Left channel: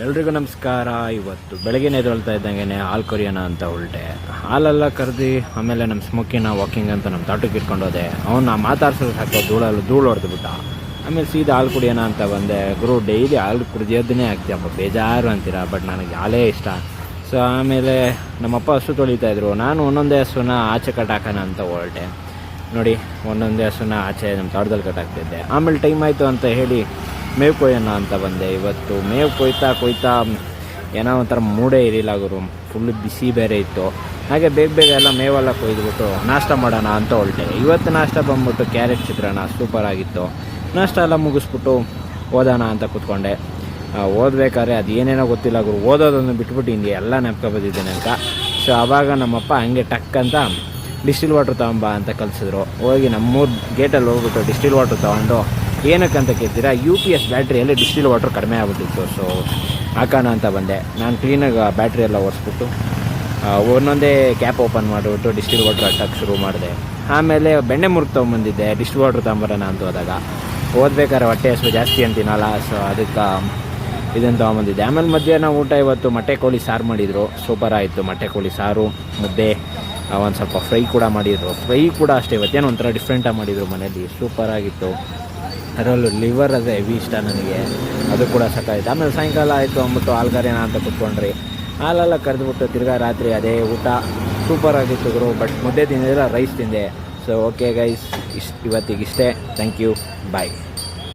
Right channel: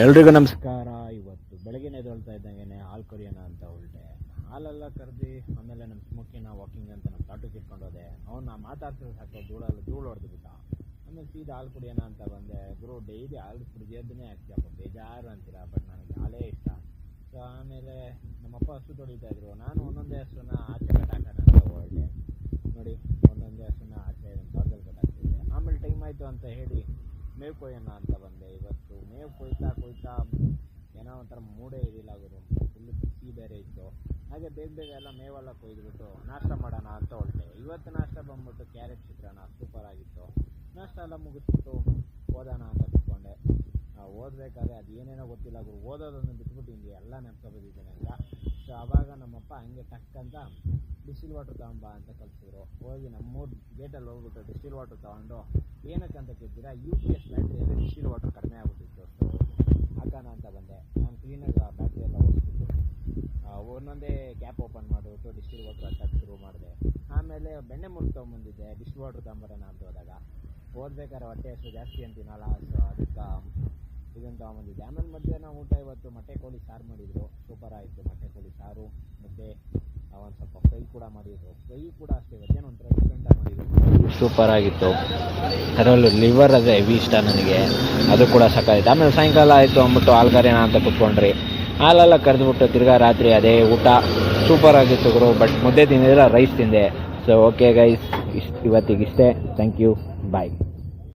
ಎಲ್ರಿಗೂ ನಮಸ್ಕಾರ. ಇವತ್ತು ಬೆಳಗ್ಗೆನೇ ಎದ್ದೇಳ್ತಾ ಇದ್ದಂಗೆ ಹಾಲು ಕೊರಿಯೋಣ ಅಂತ ಹೊರಟೆ. ಹಾಲೆಲ್ಲ ಕರೆದು ಆಮೇಲೆ ನಮ್ಮ ಸ್ಮೋಕಿನ ವಾಕಿಂಗ್ ಅಂತ ನಮ್ಮ ತೋಟಕ್ಕೆ ಇಟ್ಕೊಂಡು ಹೋದೆ. ಅವನ್ನ ಮಾತಾಡ್ಸೋದು ಸಾಕು ಧೂಳು ಹೊಡೆದ್ಬಿಟ್ಟ. ಆಮೇಲೆ ಸೀದಾ ಹಾಲು ಕುಡಿಯೋಣ ಅಂತ ಬಂದೆ. ಗುರು ಡೈಲಿ ಹಾಲು ಕುಡಿಯೋದನ್ನೇ ಆಗ್ತೀಯಪ್ಪ, ಬೇಜಾರು ಅಂತೀರಾ, ಬಟ್ ನನಗೆ ಹಾಲೇ ಇಷ್ಟ. ಸೊ ಆಮೇಲೆ ನಮ್ಮಪ್ಪ ಹಸು ತೊಳಿತಾಯಿದ್ರು. ನಾನು ಒಂದೊಂದೇ ಹಸುನ ಆಚೆ ಕಟ್ಟಾಕೋಣ ಅಂತ ಹೊರಟೆ. ನೋಡಿ, ಒಂದೊಂದೇ ಹಸುನ ಆಚೆ ನಮ್ಮ ತೋಟದಲ್ಲಿ ಕಟ್ಟಾಕ್ತಿದ್ದೆ. ಆಮೇಲೆ ಟೈಮ್ ಆಯಿತು ಅಂತ ಹೇಳಿ ಮೇವು ಕೊಯ್ಯೋಣ ಅಂತ ಬಂದೆ. ಇವತ್ತು ಮೇವು ಕೊಯ್ತಾ ಏನೋ ಒಂಥರ ಮೂಡೇ ಇರಲಿಲ್ಲ ಗುರು. ಫುಲ್ಲು ಬಿಸಿ ಬೇರೆ ಇತ್ತು. ಹಾಗೆ ಬೇಗ ಎಲ್ಲ ಮೇವೆಲ್ಲ ಕೊಯ್ದುಬಿಟ್ಟು ನಾಷ್ಟ ಮಾಡೋಣ ಅಂತ ಹೊರಟೆ. ಇವತ್ತು ನಾಷ್ಟ ಬಂದ್ಬಿಟ್ಟು ಕ್ಯಾರೆಟ್ ಚಿತ್ರಾನ್ನ ಸೂಪರಾಗಿತ್ತು. ನಾಷ್ಟ ಎಲ್ಲ ಮುಗಿಸ್ಬಿಟ್ಟು ಓದೋಣ ಅಂತ ಕೂತ್ಕೊಂಡೆ. ಓದಬೇಕಾದ್ರೆ ಅದು ಏನೇನೋ ಗೊತ್ತಿಲ್ಲ ಗುರು, ಓದೋದನ್ನು ಬಿಟ್ಬಿಟ್ಟು ಹಿಂಗೆ ಎಲ್ಲ ನೆನಪು ಬಂದಿದ್ದೇನೆ ಅಂತ. ಸೊ ಆವಾಗ ನಮ್ಮಪ್ಪ ಹಂಗೆ ಟಕ್ ಅಂತ ಡಿಸ್ಟಿಲ್ ವಾಟ್ರ್ ತೊಗೊಂಬ ಅಂತ ಕಲಿಸಿದ್ರು. ಹೋಗಿ ನಮ್ಮೂರು ಗೇಟಲ್ಲಿ ಹೋಗ್ಬಿಟ್ಟು ಡಿಸ್ಟಿಲ್ ವಾಟ್ರ್ ತೊಗೊಂಡು, ಏನಕ್ಕಂತ ಕೇಳ್ತೀರಾ, UPS ಬ್ಯಾಟ್ರಿಯಲ್ಲಿ ಡಿಸ್ಟಿಲ್ ವಾಟ್ರ್ ಕಡಿಮೆ ಆಗ್ಬಿಟ್ಟಿತ್ತು. ಸೊ ಹಾಕೋಣ ಅಂತ ಬಂದೆ. ನಾನು ಕ್ಲೀನಾಗಿ ಬ್ಯಾಟ್ರಿ ಎಲ್ಲ ಒರೆಸ್ಬಿಟ್ಟು ಒಂದೊಂದೇ ಕ್ಯಾಪ್ ಓಪನ್ ಮಾಡಿಬಿಟ್ಟು ಡಿಸ್ಟಿಲ್ ವಾಟ್ರ್ ಹಾಕಕ್ಕೆ ಶುರು ಮಾಡಿದೆ. ಆಮೇಲೆ ಬೆಣ್ಣೆ ಮುರುಗ್ ತೊಗೊಂಬಂದಿದ್ದೆ ಡಿಸ್ಟಿಲ್ ವಾಟ್ರ್ ತೊಗೊಂಬರೋಣ ಅಂತ ಹೋದಾಗ. ಓದ್ಬೇಕಾದ್ರೆ ಹೊಟ್ಟೆ ಹಸಿವು ಜಾಸ್ತಿ ಅಂತೀನಲ್ಲ, ಸೊ ಅದಕ್ಕೆ ಇದನ್ನು ತೊಗೊಂಬಂದಿದ್ದೆ. ಆಮೇಲೆ ಮಧ್ಯಾಹ್ನ ಊಟ ಇವತ್ತು ಮೊಟ್ಟೆ ಕೋಳಿ ಸಾರು ಮಾಡಿದರು. ಸೂಪರ್ ಆಯಿತು. ಮೊಟ್ಟೆ ಕೋಳಿ ಸಾರು, ಮುದ್ದೆ, ಒಂದು ಸ್ವಲ್ಪ ಫ್ರೈ ಕೂಡ ಮಾಡಿದರು. ಫ್ರೈ ಕೂಡ ಅಷ್ಟೇ ಇವತ್ತೇನು ಒಂಥರ ಡಿಫ್ರೆಂಟಾಗಿ ಮಾಡಿದರು ಮನೇಲಿ. ಸೂಪರಾಗಿತ್ತು. ಅದರಲ್ಲೂ ಲಿವರ್ ಅದೇ ಹೆವಿ ಇಷ್ಟ ನನಗೆ, ಅದು ಕೂಡ ಸಾಕಾಯಿತು. ಆಮೇಲೆ ಸಾಯಂಕಾಲ ಆಯಿತು ಅಂದ್ಬಿಟ್ಟು ಹಾಲು ಕರೆಯೋಣ ಅಂತ ಕೂತ್ಕೊಂಡ್ರಿ. ಹಾಲೆಲ್ಲ ಕರೆದುಬಿಟ್ಟು ತಿರ್ಗಾ ರಾತ್ರಿ ಅದೇ ಊಟ. ಸೂಪರಾಗಿತ್ತು ಗುರು. ಬಟ್ ಮುದ್ದೆ ತಿಂದಿಲ್ಲ, ರೈಸ್ ತಿಂದೆ. ಸೊ ಓಕೆ ಗೈಸ್, ಇವತ್ತಿಗಿಷ್ಟೇ. Thank you, bye.